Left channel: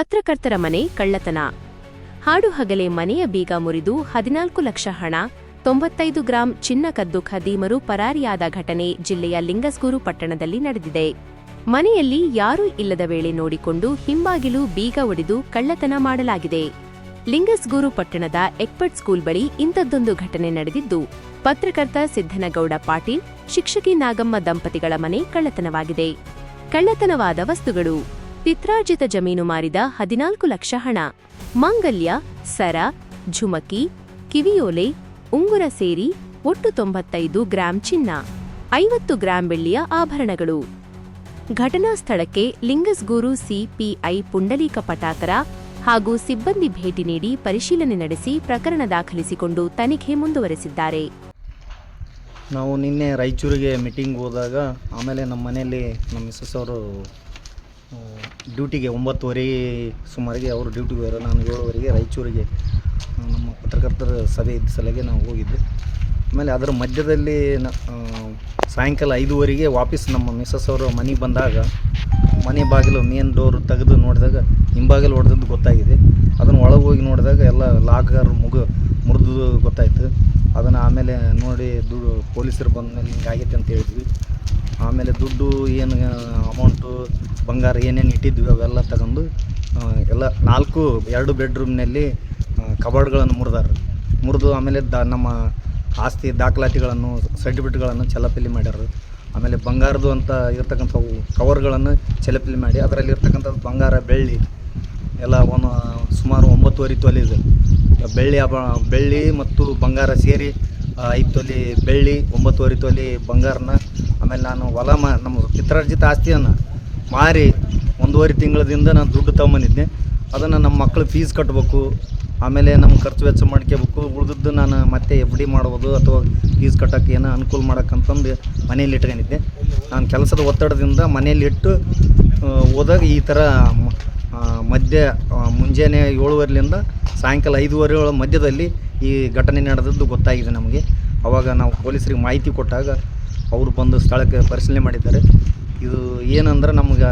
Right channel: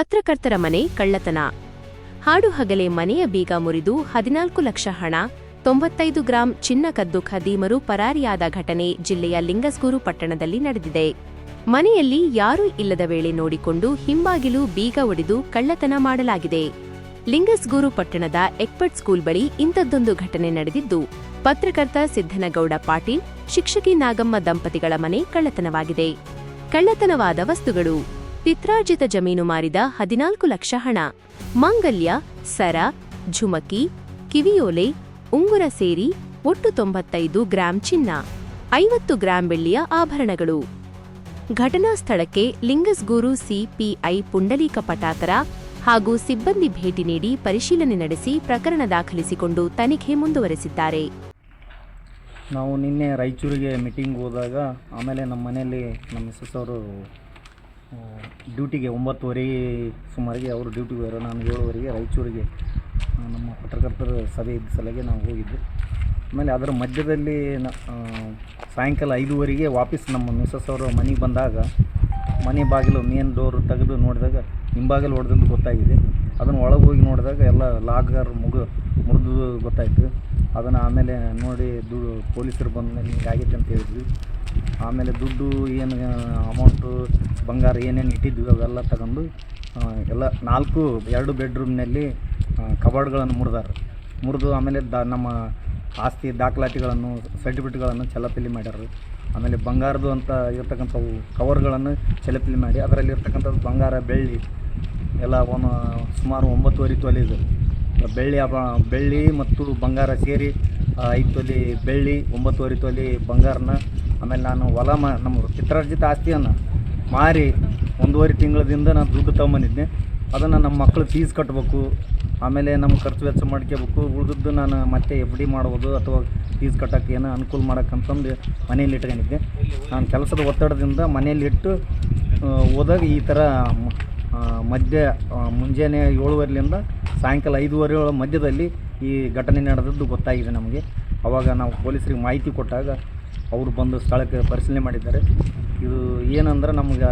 ಪತ್ರಕರ್ತರ ಮನೆ ಕಳ್ಳತನ. ಹಾಡುಹಗಲೇ ಮನೆಯ ಬೀಗ ಮುರಿದು 14 ಲಕ್ಷ ಹಣ, 95 ಗ್ರಾಂ ಚಿನ್ನ ಕದ್ದು ಖದೀಮರು ಪರಾರಿಯಾದ ಘಟನೆ ಜಿಲ್ಲೆಯ ಲಿಂಗಸ್ಗೂರು ಪಟ್ಟಣದಲ್ಲಿ ನಡೆದಿದೆ. ಮನೆಯಲ್ಲಿ ಯಾರೂ ಇಲ್ಲದ ವೇಳೆ ನೋಡಿಕೊಂಡು ಹಿಂಬಾಗಿಲು ಬೀಗ ಒಡೆದು ಕಳ್ಳತನ ಮಾಡಲಾಗಿದೆ. ಲಿಂಗಸ್ಗೂರು ಪಟ್ಟಣದ ಎಕ್ಪರ್ಟ್ ಸ್ಕೂಲ್ ಬಳಿ ಇಂಥದ್ದೊಂದು ಘಟನೆ ನಡೆದಿದ್ದು, ಪತ್ರಕರ್ತ ಸಿದ್ದನಗೌಡ ಪಾಟೀಲ್, ಶಿಕ್ಷಕಿ ನಾಗಮ್ಮ ದಂಪತಿಗಳ ಮನೆ ಕಳ್ಳತನವಾಗಿದೆ. ಕಳ್ಳತನವಾದ ವಸ್ತುಗಳು: ಪಿತ್ರಾರ್ಜಿತ ಜಮೀನು ಮಾರಿದ 14 ಲಕ್ಷ ಹಣ, ಮಾಂಗಲ್ಯ, ಸರ, ಝುಮಕಿ, ಕಿವಿಯೋಲೆ, ಉಂಗುರ ಸೇರಿ ಒಟ್ಟು 95 ಗ್ರಾಂ ಚಿನ್ನ, 50 ಗ್ರಾಂ ಬೆಳ್ಳಿಯ ಆಭರಣಗಳು. ಘಟನಾ ಸ್ಥಳಕ್ಕೆ ಲಿಂಗಸ್ಗೂರು ಸಿಪಿಐ ಪುಂಡಲೀಕ ಪಟಾಕರ ಹಾಗೂ ಸಿಬ್ಬಂದಿ ಭೇಟಿ ನೀಡಿ ಪರಿಶೀಲನೆ ನಡೆಸಿ ಪ್ರಕರಣ ದಾಖಲಿಸಿಕೊಂಡು ತನಿಖೆ ಮುಂದುವರೆಸಿದ್ದಾರೆ. ನಾವು ನಿನ್ನೆ ರಾಯಚೂರಿಗೆ ಮೀಟಿಂಗ್ ಹೋದಾಗ ಆಮೇಲೆ ನಮ್ಮ ಮನೆಯಲ್ಲಿ ನಮ್ಮ ಮಿಸಸ್ ಅವರು ಡ್ಯೂಟಿಗೆ 9:30 ಸುಮಾರಿಗೆ ಅವರು ಡ್ಯೂಟಿಗೆ ಹೋದರು. ನಾನು 7:00ವರೆಗೆ ರಾಯಚೂರಿಗೆ ನಮ್ಮ ಪತ್ರಕರ್ತರ ಸಭೆ ಇದ್ದ ಸಲಗೆ ನಾವು ಹೋಗಿದ್ದು. ಆಮೇಲೆ ಅದರ ಮಧ್ಯದಲ್ಲಿ ಸಾಯಂಕಾಲ 5:00ವರೆಗೆ ವಾಪಸ್ ನಮ್ಮ ಮಿಸಸ್ ಅವರು ಮನೆಗೆ ಬಂದಾಗ ಮನೆ ಬಾಗಿಲು ಮೇನ್ ಡೋರ್ ತೆಗೆದು ನೋಡಿದಾಗ ಹಿಂಬಾಗಿಲು ಹೊಡೆದದ್ದು ಗೊತ್ತಾಗಿದೆ. ಅದನ್ನು ಒಳಗೆ ಹೋಗಿ ನೋಡಿದಾಗ ಎಲ್ಲ ಲಾಕರ್ ಮುರಿದು ಗೊತ್ತಾಯಿತು. ಅದನ್ನು ಆಮೇಲೆ ನೋಡಿ ಪೊಲೀಸರು ಬಂದ ಮೇಲೆ ಹಿಂಗಾಗೈತೆ ಅಂತ ಹೇಳಿದ್ವಿ. ಆಮೇಲೆ ದುಡ್ಡು ಏನು ಅಮೌಂಟು ಬಂಗಾರ ಏನೇನು ಇಟ್ಟಿದ್ವಿ ಅವೆಲ್ಲ ತಗೊಂಡು ಎಲ್ಲ 2 ಬೆಡ್ರೂಮ್ನಲ್ಲಿ ಕಬಾರ್ಡ್ಗಳನ್ನು ಮುರಿದು ಆಮೇಲೆ ನಮ್ಮ ಆಸ್ತಿ ದಾಖಲಾತಿಗಳನ್ನು ಸರ್ಟಿಫಿಕೇಟ್ಗಳನ್ನು ಚಲಪಿಲಿ ಮಾಡ್ಯಾರ. ಆಮೇಲೆ ಬಂಗಾರದು ಅಂತ ಇರ್ತಕ್ಕಂಥವು ಕವರ್ಗಳನ್ನು ಚಲಪಿಲಿ ಮಾಡಿ ಅದರಲ್ಲಿ ಇರ್ತಕ್ಕಂಥದ್ದು ಬಂಗಾರ ಬೆಳ್ಳಿ ಎಲ್ಲ ಸುಮಾರು 9.5 ತೊಲೆ ಇದೆ. ಬೆಳ್ಳಿ ಮತ್ತು ಬಂಗಾರ ಸೇರಿ 5 ತೊಲೆ ಬೆಳ್ಳಿ, 9.5 ತೊಲೆ ಬಂಗಾರನ. ಆಮೇಲೆ ನಾನು ನಮ್ಮ ಪಿತ್ರಾರ್ಜಿತ ಆಸ್ತಿಯನ್ನು ಮಾರಿ 1.5 ತಿಂಗಳದಿಂದ ನಾನು ದುಡ್ಡು ತೊಗೊಂಬಂದಿದ್ದೆ. ಅದನ್ನು ನಮ್ಮ ಮಕ್ಕಳು ಫೀಸ್ ಕಟ್ಟಬೇಕು, ಆಮೇಲೆ ನಮ್ಮ ಖರ್ಚು ವೆಚ್ಚ ಮಾಡ್ಕೋಬೇಕು. ಉಳಿದದ್ದು ನಾನು ಮತ್ತೆ FD ಮಾಡ್ಬೋದು ಅಥವಾ ಫೀಸ್ ಕಟ್ಟೋಕ್ಕೆ ಏನೋ ಅನುಕೂಲ ಮಾಡೋಕ್ಕಂತಂದು ಮನೇಲಿ ಇಟ್ಕೊಂಡಿದ್ದೆ. ನಾನು ಕೆಲಸದ ಒತ್ತಡದಿಂದ ಮನೇಲಿ ಇಟ್ಟು ಹೋದಾಗ ಈ ಥರ ಮುಂಜಾನೆ 7:00ರಿಂದ ಸಾಯಂಕಾಲ 5:30 ಮಧ್ಯದಲ್ಲಿ ಈ ಘಟನೆ ನಡೆದದ್ದು ಗೊತ್ತಾಗಿದೆ ನಮಗೆ. ಆವಾಗ ನಾವು ಪೊಲೀಸರಿಗೆ ಮಾಹಿತಿ ಕೊಟ್ಟಾಗ ಅವರು ಬಂದು ಸ್ಥಳಕ್ಕೆ ಪರಿಶೀಲನೆ ಮಾಡಿದ್ದಾರೆ. ಇದು ಏನಂದ್ರೆ ನಮ್ಗೆ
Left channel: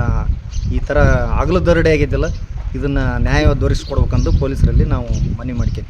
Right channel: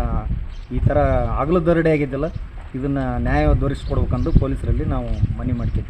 ಈ ಥರ ಹಗಲು ದರೋಡೆ ಆಗಿದ್ದಲ್ಲ, ಇದನ್ನು ನ್ಯಾಯ ದೊರಕಿಸ್ಕೊಡ್ಬೇಕಂದು ಪೊಲೀಸರಲ್ಲಿ ನಾವು ಮನವಿ ಮಾಡ್ತೀವಿ.